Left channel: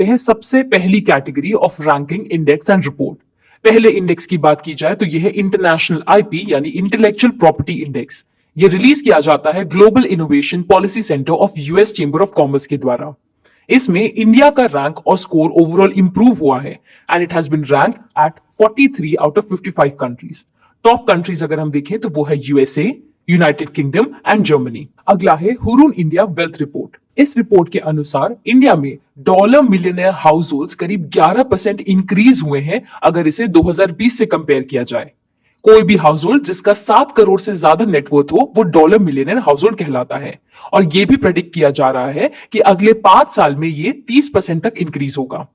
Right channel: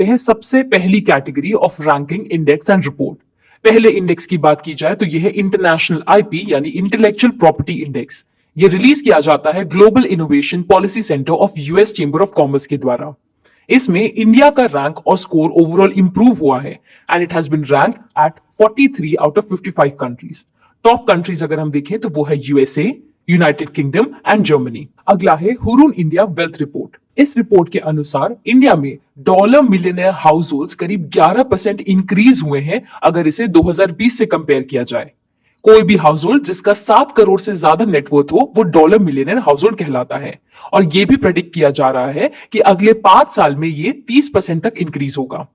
देखते हैं सबसे पहली category of ranking index and report. पहले इंडेक्स की बात की जाए तो यह है इंटरनेशनल आईपी यानी इंटेलेक्चुअल प्रॉपर्टी इंडेक्स। ये रिलीज किया जाता है global innovation policy centre of US chamber of commerce के द्वारा। इसमें इंडिया का रैंक और स्कोर ओवरऑल इंप्रूव हुआ है and it has been ranked at 43 out of 55 countries. Top countries अगर हम देखें तो वो है USA, United Kingdom and Germany. अगला है हुरून इंडिया वेल्थ रिपोर्ट। इस रिपोर्ट के अनुसार इंडिया में डॉलर मिलियनेयर हाउस होल्ड करीब 11% इंक्रीज हुए हैं अगर इसे 2020 से कंपेयर किया जाए। कोई भी हाउस होल्ड जिसका 7 करोड़ से ज्यादा नेटवर्थ हो वो डॉलर मिलियनेयर हाउस होल्ड कहलाता है और यह भी प्रेडिक्ट किया जा रहा है कि अगले 5 साल में ये 30% तक इंक्रीज होगा।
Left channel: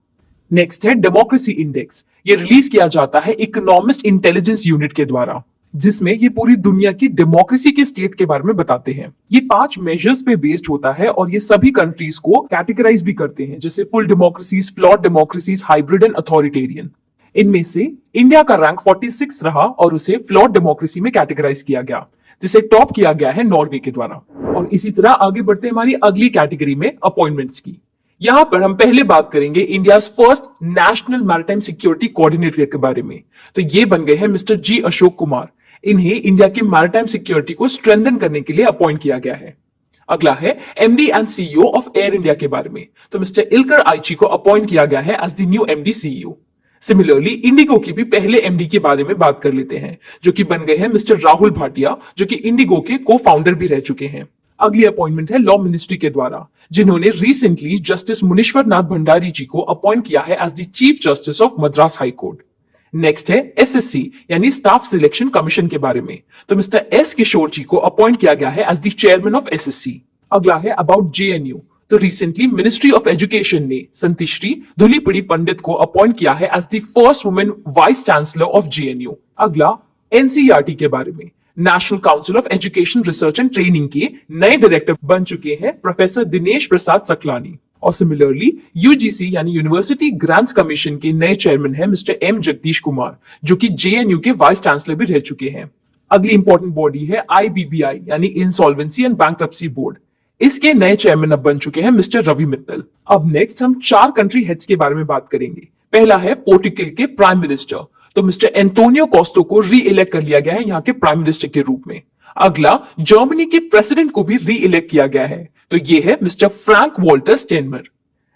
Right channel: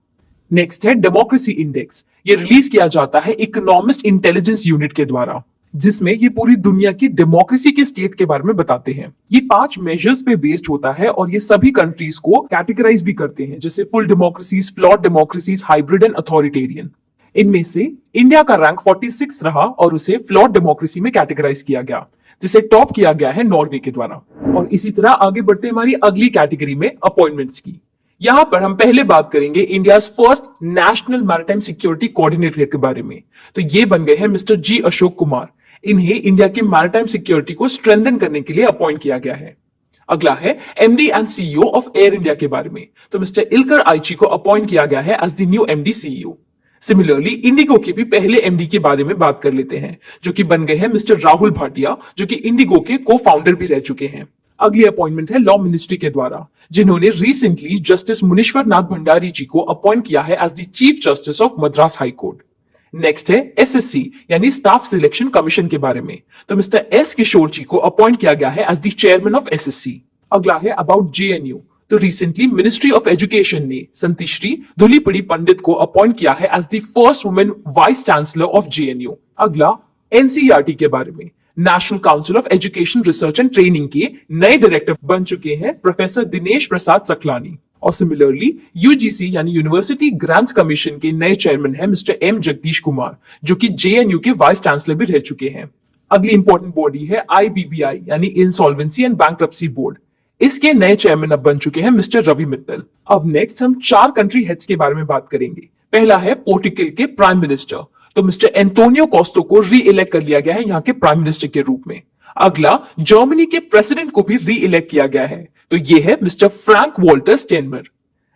नेक्स्ट है डेमोक्रेसी इंडेक्स। ये रिलीज किया जाता है इकोनॉमिस्ट इंटेलिजेंस यूनिट के द्वारा, जिसमें ये पूरी दुनिया की डेमोक्रेसी के स्टेट के बारे में बताते हैं। ये 5 मेजर्स पे बेस्ड होता है और ये सभी कंट्रीज को कैटेगराइज भी करते हैं, जैसे full democracies, flawed democracies, hybrid and authoritarian. इनमें से इंडिया का रैंक 46 रहा और उसे फ्लॉट डेमोक्रेसी में कैटेगराइज किया गया, जिसे टॉप किया गया है नॉर्वे के द्वारा। और इसी तरह आगे बढ़ते हमारी अगली कैटेगरी में अपॉइंटमेंट्स की। यहां पर हम पहले बात करेंगे India first national maritime security coordinator के बारे में। तो ये बन गए हैं मिस्टर जी अशोक कुमार। इन्हें इंडिया की मैरिटाइम सिक्योरिटी को स्ट्रेंथन करने के लिए अपॉइंट किया गया है। अगला है MD and CEO of air India के बारे में। तो मिस्टर इल्कर आइची को अपॉइंट किया गया है as the new MD CEO. Similarly IndiGo की भी पहले एमडी के बारे में बात कर लेते हैं, जो कि बन गए हैं मिस्टर राहुल भाटिया, जो कि इंडिगो के को फाउंडर भी रह चुके हैं। अगली अपॉइंटमेंट है लॉ मिनिस्ट्री के द्वारा, जिन्होंने रिसेंटली जस्टिस मुनीश्वर नाथ भंडारी जी को अपॉइंट किया है as the chief justice of Madras high court. Next है एसएससी यानी स्टाफ सिलेक्शन कमीशन के बारे में। तो मिस्टर एस किशोर जी को अपॉइंट किया गया है as the chairman of SSC. अगला है अबाउट जेएनयू। तो रिसेंटली मिनिस्ट्री ऑफ एजुकेशन ने संतिश्री धुलीपड़ी पंडित को अपॉइंट किया है as the first women vice chancellor of JNU. अगला एनसीईआरटी के बारे में। National council of education research and training के नए डायरेक्टर बन चुके हैं प्रोफेसर दिनेश प्रसाद सकलानी। और सिमिलरली यूजीसी यानी यूनिवर्सिटी ग्रांट्स कमीशन के नए चेयरमैन है मिस्टर एम जगदीश कुमार, जो कि जेएनयू के वाइस चांसलर भी रह चुके हैं। अगली इंपॉर्टेंट बॉडी है आईबीबीआई यानी इंसॉल्वेंसी एंड बैंक्रप्सी बोर्ड। इसके नए चेयरमैन अब बन चुके हैं मिस्टर रवि मित्तल। अब नेक्स्ट हम 4 कंट्री हेड्स के बारे में बात करेंगे। पहला है पोर्टुगल के प्राइम मिनिस्टर। तो मिस्टर एंटोनियो कोस्टा को री इलेक्ट कर लिया गया है यहाँ के प्राइम मिनिस्टर के रूप में। अगला जर्मनी के प्रेसिडेंट को भी री इलेक्ट किया गया है, तो ये है मिस्टर फ्रैंक वॉल्टर स्टेनमर।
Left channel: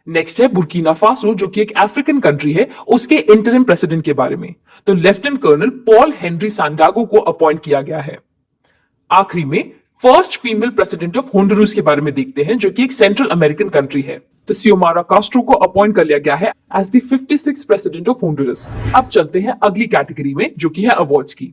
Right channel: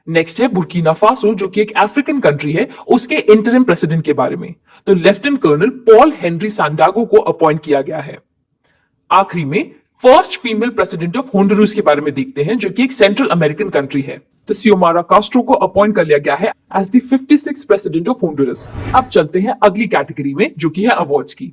नेक्स्ट है बुर्किना फासो, जो कि एक अफ्रीकन कंट्री है, उसके इंटरिम प्रेसिडेंट के बारे में। तो लेफ्टिनेंट कर्नल पॉल हेनरी सांडागो को अपॉइंट किया गया है। आखिरी में first female president of Honduras के बारे में देखते हैं, जो कि एक सेंट्रल अमेरिकन कंट्री है। तो सियोमारा कास्ट्रो को अपॉइंट कर लिया गया है as the 56th president of Honduras. अब चलते हैं अगली कैटेगरी में, जो कि है अवार्ड्स की।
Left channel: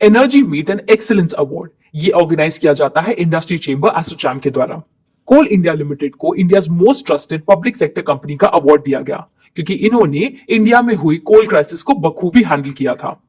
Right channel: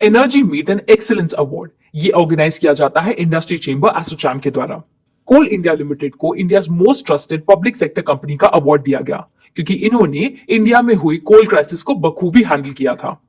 Energy meet and excellence award ये ऑर्गेनाइज किया जाता है इंडस्ट्री चेंबर एसोचैम के द्वारा। कोल इंडिया लिमिटेड को India's most trusted public sector company का अवार्ड दिया गया, क्योंकि इन्होंने इंडिया में हुई कोल क्राइसिस को बखूबी हैंडल किया था।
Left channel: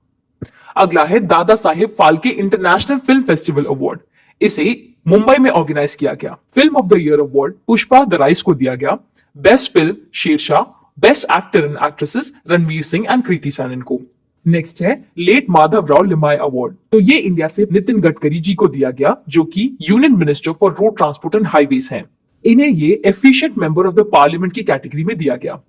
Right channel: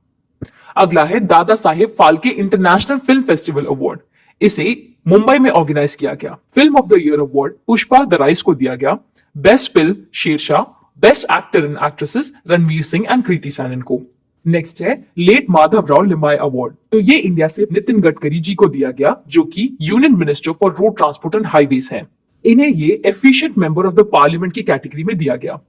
अगला है Dada Saheb Phalke international film festival award. इसे मुंबई में ऑर्गेनाइज किया गया। Film of the year award Pushpa the rise को दिया गया। Best film Shershaah, best actor and actresses Ranveer Singh and Kriti Sanon को। नेक्स्ट है लेट माधवराव लिमाय अवार्ड। तो ये इंडिया से नितिन गडकरी जी को दिया गया, जो कि union minister for road transport and highways हैं। इन्हें ये efficient member of the parliament की कैटेगरी में दिया गया।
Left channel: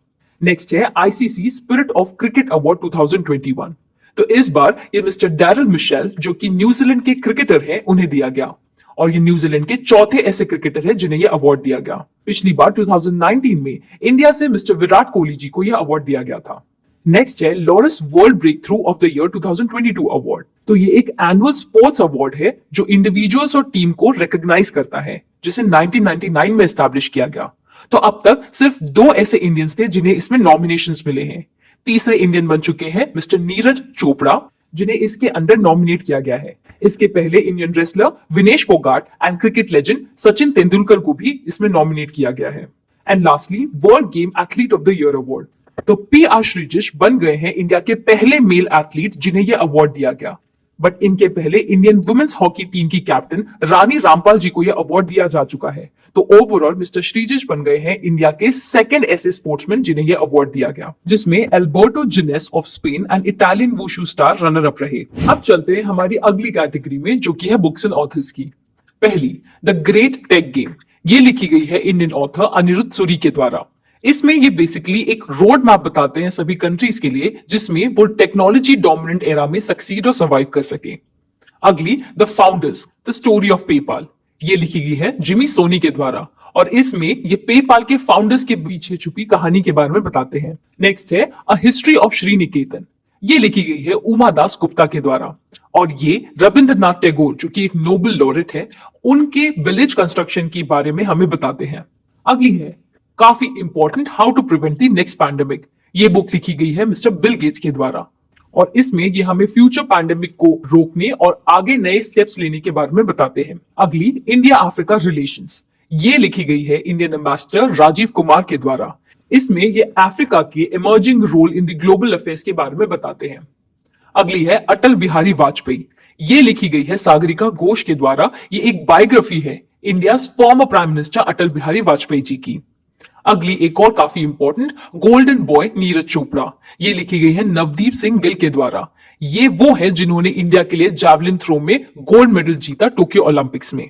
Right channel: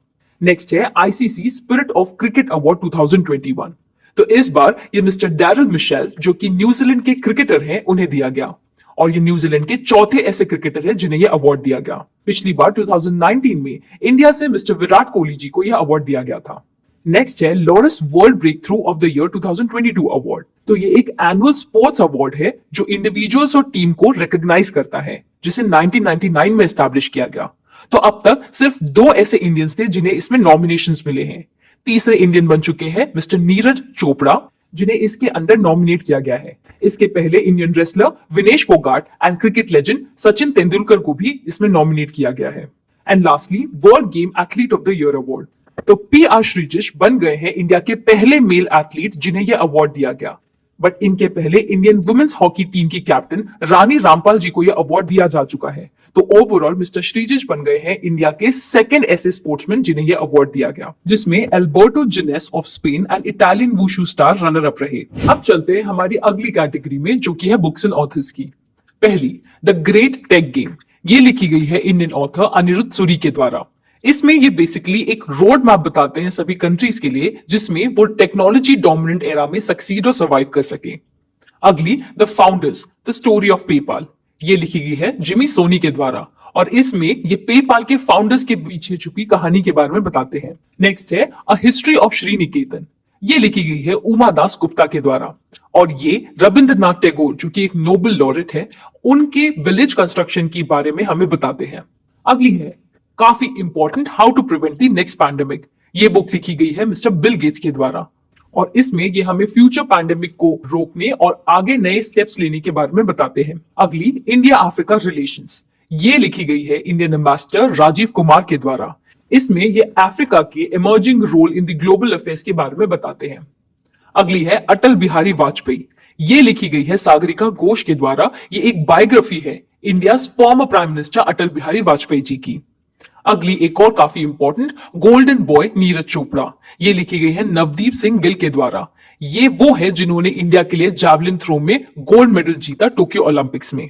नेक्स्ट है ICC spirit of cricket award 2021। तो इस बार ये मिस्टर डैरल मिशेल, जो कि न्यूजीलैंड के क्रिकेटर हैं, उन्हें दिया गया और ये न्यूजीलैंड के चौथे ऐसे क्रिकेटर हैं जिन्हें यह अवार्ड दिया गया। पिछली बार 2019 में इंडिया से मिस्टर विराट कोहली जी को यह अवार्ड दिया गया था। नेक्स्ट है Laureus world breakthrough of the year 2022 award. तो ये एक एनुअल स्पोर्ट्स अवार्ड है जो इंडिविजुअल्स और टीम को रिकॉग्नाइज करता है, जिसे 1999 में एस्टैब्लिश किया गया। तो अब तक सिर्फ 2 ऐसे इंडियंस थे जिन्हें इसमें नॉमिनेशंस मिले हैं। तीसरे इंडियन बन चुके हैं मिस्टर नीरज चोपड़ा, जिन्हें इसके अंडर नॉमिनेट किया गया है। इसके पहले Indian wrestler Vinesh Phogat and cricket legend Sachin Tendulkar को भी इसमें नॉमिनेट किया गया है। And lastly world game athlete of the year award. तो पीआर श्रीजिश बन गए हैं इंडिया के पहले मेल एथलीट जिन्हें यह अवार्ड दिया गया। बट इनके पहले इंडियन वुमेन्स हॉकी टीम की कैप्टन रानी रामपाल जी को यह अवार्ड दिया जा चुका है। तो ओवरऑल मिस्टर श्रीजिश बन गए हैं इंडिया के सेकंड ऐसे स्पोर्ट्समैन जिन्हें यह अवार्ड दिया गया, जिसमें Alberto Gines of Spain and Italian wushu star runner up रहे। अब चलते हैं हमारी अगली कैटेगरी में, जो कि है बुक्स एंड ऑथर्स की। पहली द ग्रेट टेक गेम, ये लिखी गई है इंडियन ऑथर अनिरुद्ध सूरी के द्वारा। इसमें ये बेसिकली एक रोड मैप बताते हैं सभी कंट्रीज के लिए जिसमें वो टेक्नोलॉजी डोमिनेंट एरा में सक्सीड और सर्वाइव कर सके। अगली the founders the story of PayPal, ये लिखी गई है जिमी सोनी के द्वारा और इसमें ये पेपाल के फाउंडर्स के पीछे छुपी कहानी के बारे में बताते हैं। नेक्स्ट है अ हिस्ट्री ऑफ श्रीनिकेतन, ये लिखी गई है उमा दास गुप्ता के द्वारा और ये रविंद्रनाथ टैगोर जो कि एक नोबेल लॉरेट है उनके विलेज कंस्ट्रक्शन के बारे में हमें बताते हैं। अगली है काफी important how to prevent the next pandemic, ये बुक लिखी गई है मिस्टर बिल गेट्स के द्वारा और इसमें ये हमें फ्यूचर पैंडेमिक को रोकने और आगे नए स्टेप्स लेने के बारे में बताते हैं। अगली इंडिया अफ्रीका रिलेशंस, ये लिखी गई है इंडियन एम्बेसडर राजीव कुमार के द्वारा। इसमें ये अफ्रीका के emerging role in the global affairs के बारे में बताते हैं। अगली है अटल बिहारी वाजपेयी, ये लिखी गई है सागरिका घोष के द्वारा। ये एक बायोग्राफी है India former prime minister Atal Bihari Vajpayee ji की। अगली एक और काफी important golden boy Neeraj Chopra, ये लिखी गई है नवदीप सिंह गिल के द्वारा। ये वो है जिन्होंने इंडिया के लिए जैवलिन थ्रो में गोल्ड मेडल जीता टोक्यो ओलंपिक्स में।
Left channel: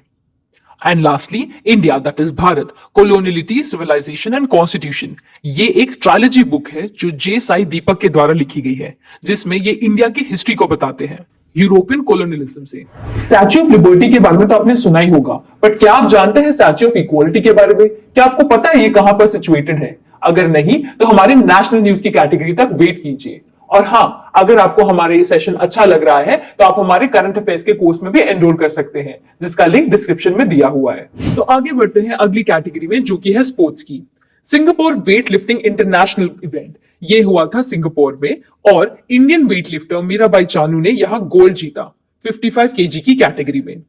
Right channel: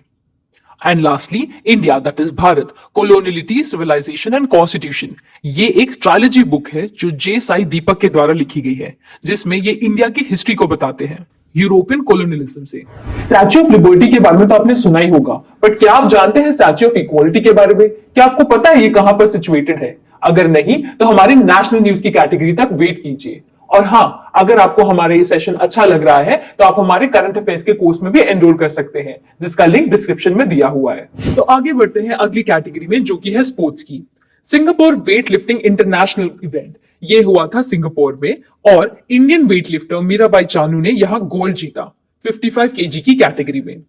And lastly India that is Bharat coloniality civilisation and constitution, ये एक ट्रायलॉजी बुक है जो जे साई दीपक के द्वारा लिखी गई है जिसमें ये इंडिया की हिस्ट्री को बताते हैं यूरोपियन कोलोनियलिज्म से। स्टैच्यू ऑफ लिबर्टी के बारे में तो आपने सुना ही होगा, बट क्या आप जानते हैं स्टैच्यू ऑफ इक्वालिटी के बारे में? क्या आपको पता है ये कहां पर सिचुएटेड है? अगर नहीं तो हमारे नेशनल न्यूज की कैटेगरी तक वेट कीजिए। और हाँ, अगर आपको हमारा ये सेशन अच्छा लग रहा है तो आप हमारे करंट अफेयर्स के कोर्स में भी एनरोल कर सकते हैं जिसका लिंक डिस्क्रिप्शन में दिया हुआ है। तो आगे बढ़ते हैं अगली कैटेगरी में जो कि है स्पोर्ट्स की। Singapore weight lifting international event, ये हुआ था सिंगापुर में और Indian weight lifter Mirabai Chanu ने यहां गोल्ड जीता 55 केजी की कैटेगरी में।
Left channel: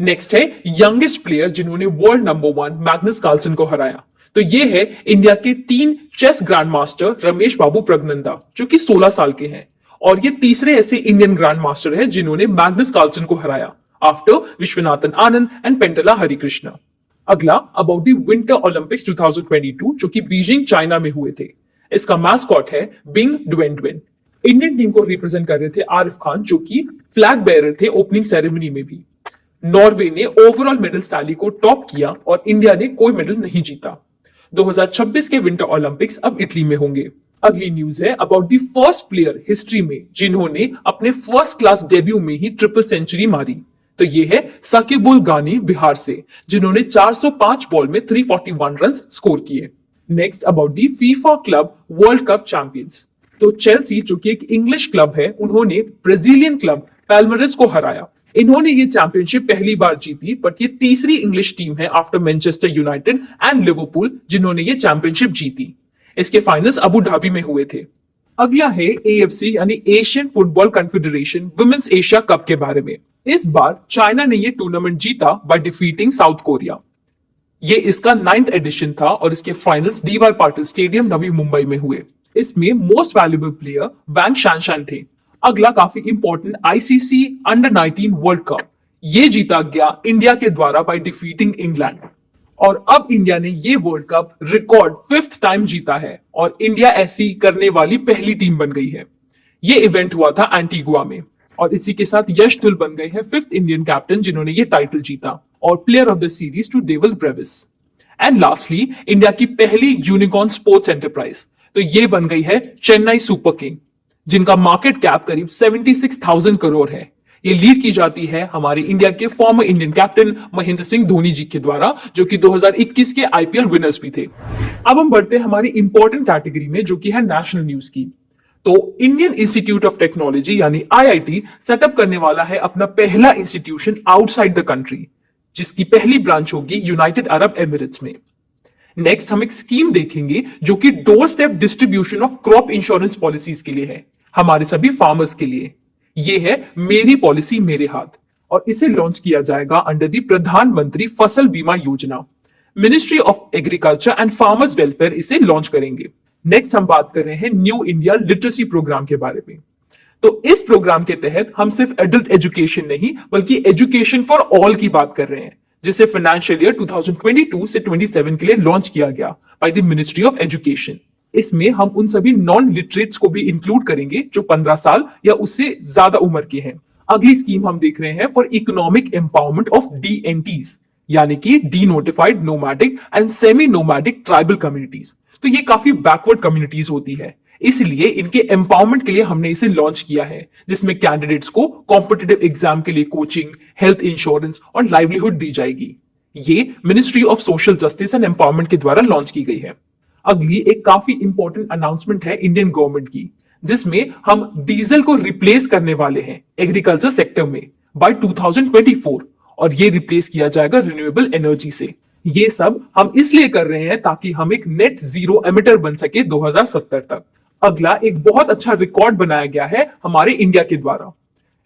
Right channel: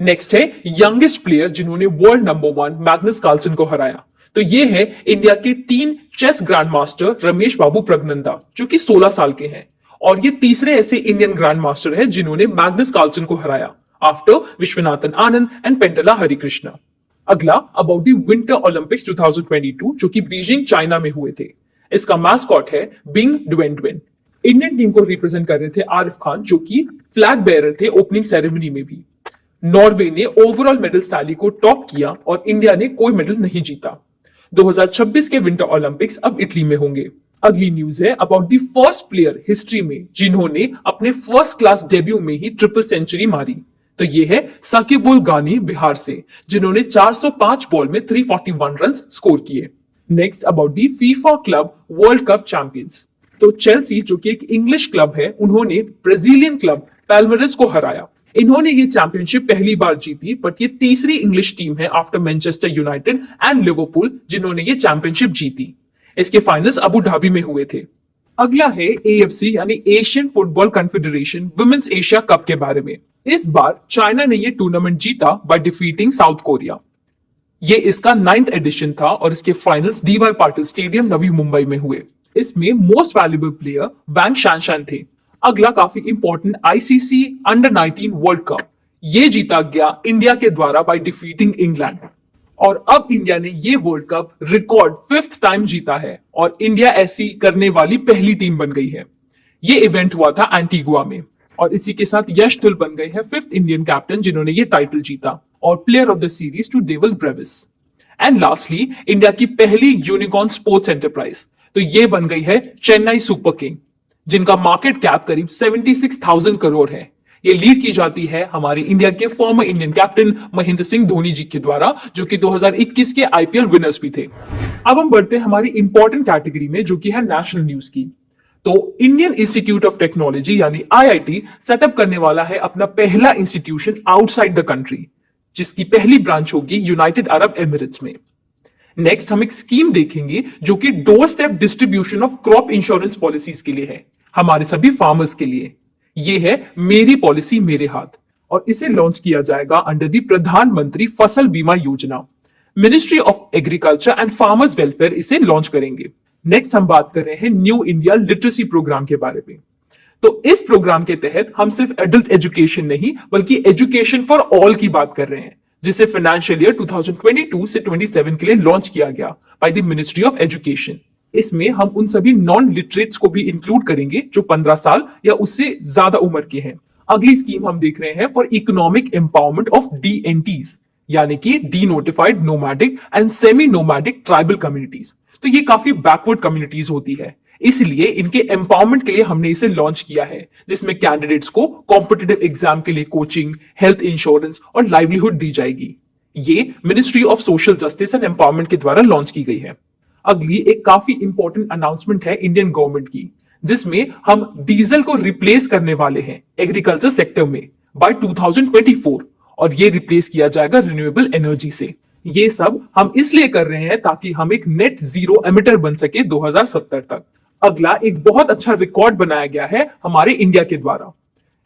नेक्स्ट है यंगेस्ट प्लेयर जिन्होंने वर्ल्ड नंबर 1 मैग्नस कार्लसन को हराया, तो ये है इंडिया के 3 चेस ग्रैंड मास्टर रमेश बाबू प्रगनंदा जो कि 16 साल के हैं और ये तीसरे ऐसे इंडियन ग्रैंड मास्टर है जिन्होंने मैग्नस कार्लसन को हराया आफ्टर विश्वनाथन आनंद एंड पेंटला हरिकृष्णा। अगला अबाउट द विंटर ओलंपिक्स 2022 जो कि बीजिंग चाइना में हुए थे। इसका मास्कॉट है बिंग ड्वेंड्वेन। इंडियन टीम को रिप्रेजेंट कर रहे थे आरिफ खान जो कि फ्लैग बेयरर थे ओपनिंग सेरेमनी में भी। नॉर्वे ने ओवरऑल मेडल टैली को टॉप किया और इंडिया ने कोई मेडल नहीं जीता। 2026 के विंटर ओलंपिक्स अब इटली में होंगे। अगली न्यूज है about the first player history में जिन्होंने अपने फर्स्ट क्लास डेब्यू में ही ट्रिपल सेंचुरी मारी, तो ये है साकिब उल गानी बिहार से जिन्होंने 405 बॉल में 341 रन स्कोर किए। Next about the FIFA club world cup champions, तो चेल्सी जो कि एक इंग्लिश क्लब है उन्होंने ब्राजीलियन क्लब पैल्मेरस को हराया। इन्होंने ये चैंपियनशिप पहली बार जीती बट ये तीसरी इंग्लिश टीम है after Manchester United and Liverpool जिन्होंने ये चैंपियनशिप जीती। इसके फाइनल्स अबू धाबी में हुए थे। अगला है एएफसी यानी Asian football confederation women's Asia cup के बारे में। इस बार चाइना ने ये टूर्नामेंट जीता बाय डिफीटिंग साउथ कोरिया। ये इसका 9th एडिशन था और इसके finals D Y Patil stadium Navi Mumbai में हुए। इसमें मोस्ट वैल्यूएबल प्लेयर वैंग शानशान थे। अगला काफी important ICC under 19 world cup, ये जीता गया इंडिया के द्वारा बाय डिफीटिंग इंग्लैंड और अब इंडिया ने ये world cup record 5th time जीता है और इंडिया ऐसी करने वाली पहली टीम बन गई है। ये इवेंट हुआ था एंटीगुआ में और इसी के साथ यश धुल बन गए हैं 5th इंडियन कैप्टन जिन्होंने ये टाइटल जीता और player of the series to Dewald Brevis. And lastly India की पहली यूनिकॉर्न स्पोर्ट्स एंटरप्राइज, तो ये बन गई है चेन्नई सुपर किंग जिनका मार्केट कैप करीब 76,000 करोड़ है। ये लीड की जाती है हमारे इंडिया के former Indian captain Mahendra Singh Dhoni ji के द्वारा जो कि 2021 के आईपीएल विनर्स भी थे। अब हम बढ़ते हैं हमारी इंपॉर्टेंट कैटेगरी में जो कि है नेशनल न्यूज की। तो इंडियन इंस्टीट्यूट ऑफ टेक्नोलॉजी यानी आईआईटी सेटअप करने वाला है अपना पहला इंस्टीट्यूशन आउटसाइड द कंट्री जिसकी पहली ब्रांच होगी यूनाइटेड अरब एमिरेट्स में। नेक्स्ट हम एक स्कीम देखेंगे जो कि door step distribution of crop insurance policies के लिए है, हमारे सभी फार्मर्स के लिए। ये है मेरी पॉलिसी मेरे हाथ और इसे लॉन्च किया जाएगा अंडर द प्रधानमंत्री फसल बीमा योजना। Ministry of agriculture and farmers welfare इसे लॉन्च करेंगे। नेक्स्ट हम बात कर रहे हैं न्यू इंडिया लिटरेसी प्रोग्राम के बारे में। तो इस प्रोग्राम के तहत हम सिर्फ एडल्ट एजुकेशन नहीं बल्कि एजुकेशन फॉर ऑल की बात कर रहे हैं जिसे फाइनेंशियल ईयर 2022 से 27 के लिए लॉन्च किया गया by the ministry of education. इसमें हम उन सभी नॉन लिटरेट्स को भी इंक्लूड करेंगे जो 15 साल या उससे ज्यादा उम्र के हैं। अगली स्कीम हम देख रहे हैं फॉर इकोनॉमिक एम्पावरमेंट ऑफ डीएनटीज, यानी कि D notified nomadic and semi nomadic tribal communities. तो ये काफी बैकवर्ड कम्युनिटीज होती है, इसलिए इनके एम्पावरमेंट के लिए हमने इसे लॉन्च किया है, जिसमें कैंडिडेट्स को कॉम्पिटिटिव एग्जाम के लिए कोचिंग, हेल्थ इंश्योरेंस और लाइवलीहुड दी जाएगी। ये ministry of social justice and empowerment के द्वारा लॉन्च की गई है। अगली एक काफी इंपॉर्टेंट अनाउंसमेंट है इंडियन गवर्नमेंट की, जिसमें हम डीजल को रिप्लेस करने वाले हैं एग्रीकल्चर सेक्टर में बाय 2024, और ये रिप्लेस किया जाएगा रिन्यूएबल एनर्जी से। ये सब हम इसलिए कर रहे हैं ताकि हम एक नेट जीरो एमिटर बन सके 2070 तक। अगला एक बहुत अच्छा रिकॉर्ड बनाया गया है हमारे इंडिया के द्वारा,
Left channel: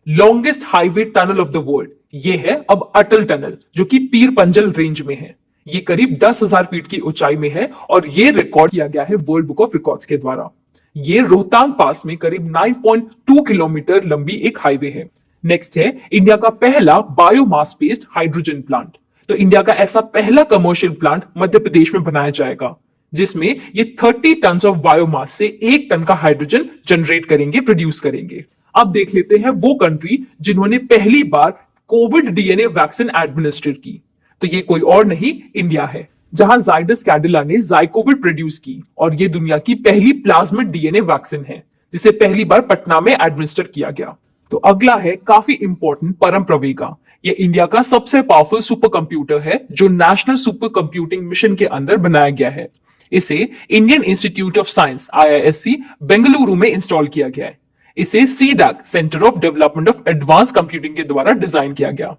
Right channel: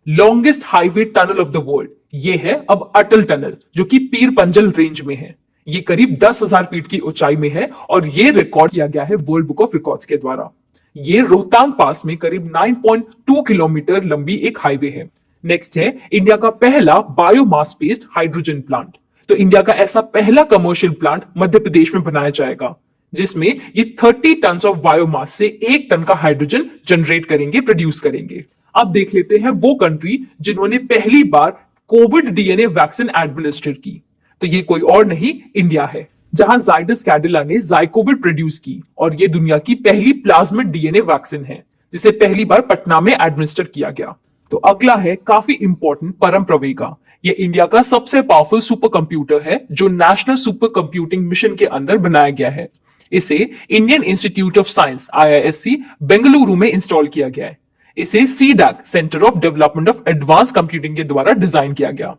longest highway tunnel of the world. ये है अब अटल टनल, जो कि पीर पंजल रेंज में है। ये करीब 10,000 फीट की ऊंचाई में है और ये रिकॉर्ड किया गया है वर्ल्ड बुक ऑफ रिकॉर्ड्स के द्वारा। ये रोहतांग पास में करीब 9.2 किलोमीटर लंबी एक हाईवे है। नेक्स्ट है इंडिया का पहला बायोमास बेस्ड हाइड्रोजन प्लांट। तो इंडिया का ऐसा पहला कमर्शियल प्लांट मध्य प्रदेश में बनाया जाएगा, जिसमें ये 30 टन ऑफ बायोमास से 1 टन का हाइड्रोजन जनरेट करेंगे, प्रोड्यूस करेंगे। अब देख लेते हैं वो कंट्री जिन्होंने पहली बार कोविड डीएनए वैक्सीन एडमिनिस्टर की। तो ये कोई और नहीं, इंडिया है, जहां जाइडस कैडिला ने जाइकोविड प्रोड्यूस की, और ये दुनिया की पहली प्लाज्मिड डीएनए वैक्सीन है, जिसे पहली बार पटना में एडमिनिस्टर किया गया। तो अगला है काफी इंपॉर्टेंट परम प्रवेगा। ये इंडिया का सबसे पावरफुल सुपर कंप्यूटर है, जो नेशनल सुपर कंप्यूटिंग मिशन के अंदर बनाया गया है। इसे Indian institute of science IISc Bengaluru में इंस्टॉल किया गया है। इसे CDAC centre of development of advance computing के द्वारा डिजाइन किया गया।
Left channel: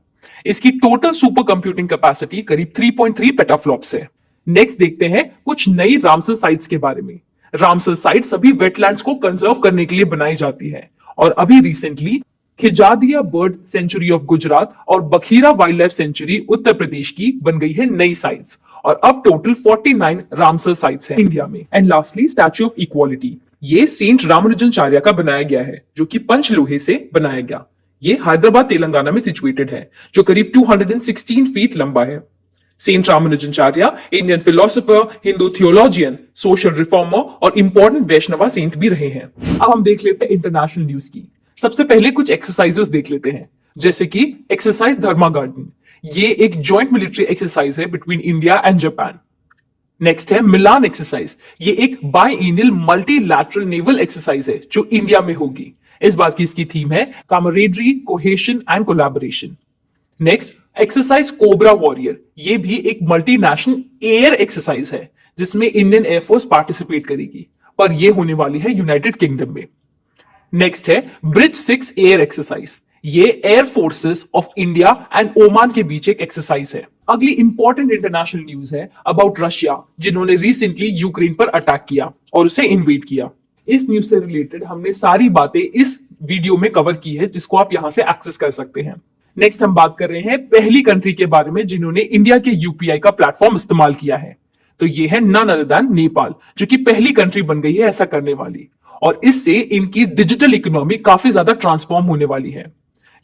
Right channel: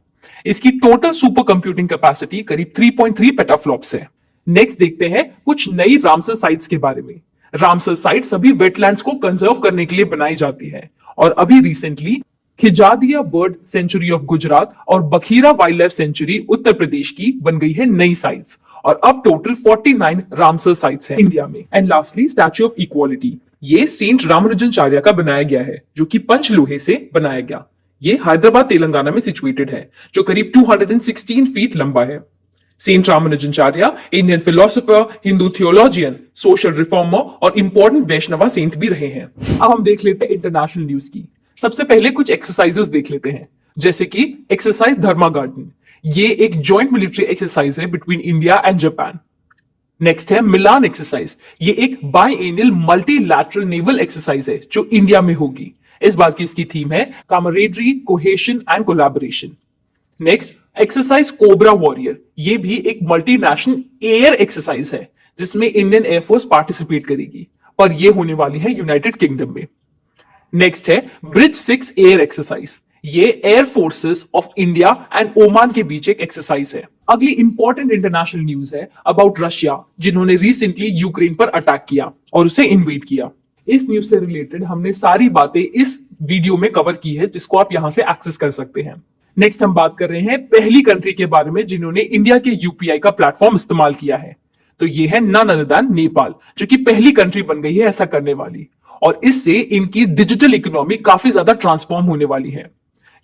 इसकी टोटल सुपर कंप्यूटिंग कैपेसिटी करीब 3.3 पेटाफ्लॉप्स है। नेक्स्ट देखते हैं कुछ नई रामसर साइट्स के बारे में। रामसर साइट सभी वेटलैंड्स को कंजर्व करने के लिए बनाई जाती है, और अभी recently Khijadiya bird sanctuary of Gujarat और Bakhira wild life sanctuary Uttar Pradesh की बन गई है नई साइट्स, और अब टोटल 49 रामसर साइट्स है इंडिया में। And lastly statue of equality, ये सेंट रामानुजनाचार्य का बनाया गया है, जो कि पंचलोहे से बनाया गया। ये हैदराबाद तेलंगाना में सिचुएटेड है, जो करीब 216 फीट लंबा है। Saint Ramanujacharya Indian philosopher, Hindu theologian, social reformer और इंपॉर्टेंट वैष्णवा सेंट भी रहे हैं। अब हम देख लेते हैं इंटरनेशनल न्यूज की। सबसे पहले कुछ एक्सरसाइजेस देख लेते हैं, जैसे कि एक्सरसाइज धर्मा गार्डन। ये एक जॉइंट मिलिट्री एक्सरसाइज है between India and Japan. Next है मिलान एक्सरसाइज। ये एक बाइएनियल मल्टीलैटरल नेवल एक्सरसाइज है, जो इंडिया में होगी। इस बार की इसकी थीम है camaraderie, cohesion and collaboration. Next exercise cobra warrior. ये भी एक मल्टीनेशनल एयर एक्सरसाइज है, जिसमें इंडियन एयरफोर्स पार्टिसिपेट करेगी, पर यह होने वाली है यूनाइटेड किंगडम में। नेक्स्ट है ब्रिज 6 एयर एक्सरसाइज। ये air forces of India and Oman के बीच एक एक्सरसाइज है। अगली इंपॉर्टेंट इंटरनेशनल न्यूज है अबाउट रशिया, जिन्होंने रिसेंटली यूक्रेन पर अटैक किया और उसे इन्वेड किया। इस न्यूज से रिलेटेड हमने सारी बातें इस वीडियो में कवर की है, जिसको आप यहां से एक्सेस कर सकते हैं। नेक्स्ट हम बात कर रहे हैं पहली कंट्री के बारे में जिन्होंने इंडिया के यूपीआई का प्लेटफॉर्म इस्तेमाल किया है। तो ये है नन अदर देन नेपाल, जो कि पहली कंट्री बन गई है ऐसा करने वाली, और इससे इनकी डिजिटल इकोनॉमी काफी ज्यादा ट्रांसफॉर्म होने वाली है।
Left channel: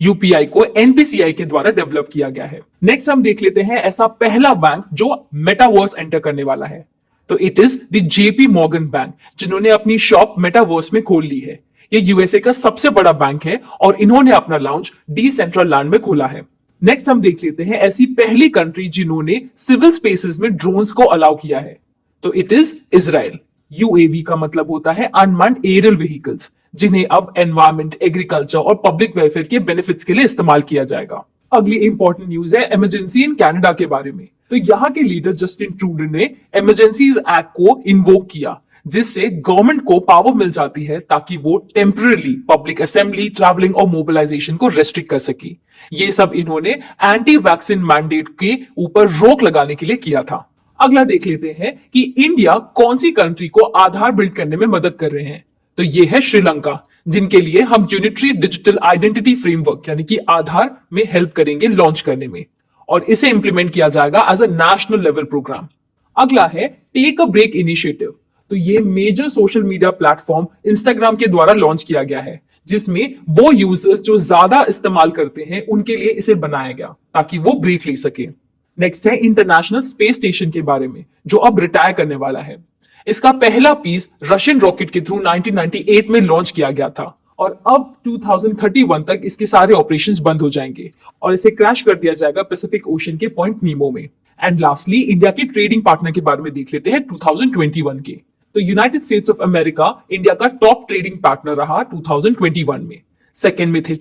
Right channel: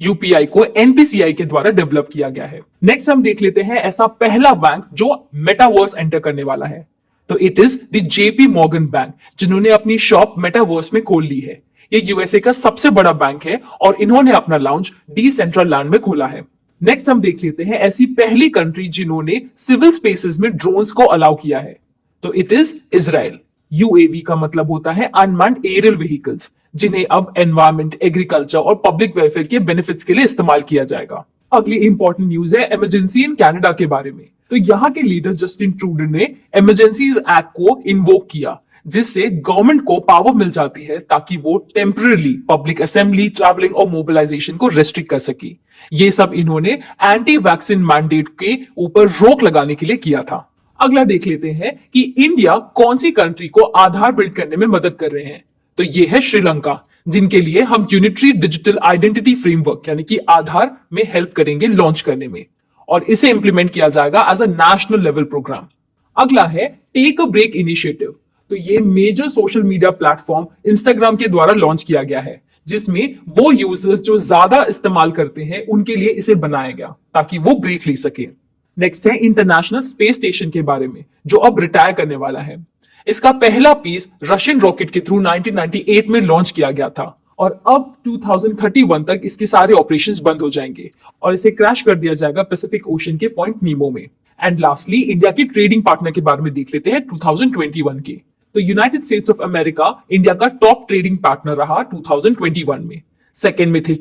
यूपीआई को एनपीसीआई के द्वारा डेवलप किया गया है। नेक्स्ट हम देख लेते हैं ऐसा पहला बैंक जो मेटावर्स एंटर करने वाला है। तो it is the JP Morgan bank, जिन्होंने अपनी शॉप मेटावर्स में खोल ली है। ये यूएसए का सबसे बड़ा बैंक है और इन्होंने अपना लाउंज डिसेंट्रलैंड में खोला है। नेक्स्ट हम देख लेते हैं ऐसी पहली कंट्री जिन्होंने सिविल स्पेसेस में ड्रोन्स को अलाउ किया है। तो इट इज इजराइल। यूएवी का मतलब होता है अनमैन्ड एरियल व्हीकल्स, जिन्हें अब एनवायरमेंट, एग्रीकल्चर और पब्लिक वेलफेयर के बेनिफिट्स के लिए इस्तेमाल किया जाएगा। अगली इंपॉर्टेंट न्यूज है इमरजेंसी इन कनाडा के बारे में। तो यहाँ के लीडर जस्टिन ट्रूडो ने इमरजेंसीज एक्ट को इन्वोक किया, जिससे गवर्नमेंट को पावर मिल जाती है ताकि वो टेम्पररी पब्लिक असेंबली, ट्रैवलिंग और मोबिलाइजेशन को रेस्ट्रिक्ट कर सके। ये सब इन्होंने एंटी वैक्सीन मैंडेट के ऊपर रोक लगाने के लिए किया था। अगला देख लेते हैं कि इंडिया कौन सी कंट्री को आधार बिल्ड करने में मदद कर रहे हैं। तो ये है श्रीलंका, जिनके लिए हम यूनिटरी डिजिटल आइडेंटिटी फ्रेमवर्क यानी कि आधार में हेल्प करेंगे लॉन्च करने में, और इसे इंप्लीमेंट किया जाएगा as a national level programme. अगला है टेक अ ब्रेक इनिशिएटिव। तो ये major social media platform Instagram के द्वारा लॉन्च किया गया है, जिसमें वो यूजर्स जो ज्यादा इस्तेमाल करते हैं उनके लिए इसे बनाया गया ताकि वो ब्रेक ले सके। नेक्स्ट है इंटरनेशनल स्पेस स्टेशन के बारे में, जो अब रिटायर करने वाला है। इसका पहला पीस रशियन रॉकेट के थ्रू 1998 में लॉन्च किया गया था, और अब 2031 तक इसके सारे ऑपरेशंस बंद हो जाएंगे और इसे क्रैश कर दिया जाएगा पैसिफिक ओशन के पॉइंट नीमो में। एंड लास्टली इंडिया के ट्रेडिंग पार्टनर के बारे में देख लेते हैं 2021 के। तो United states of America India का टॉप ट्रेडिंग पार्टनर रहा 2021 में। सेकेंड में थे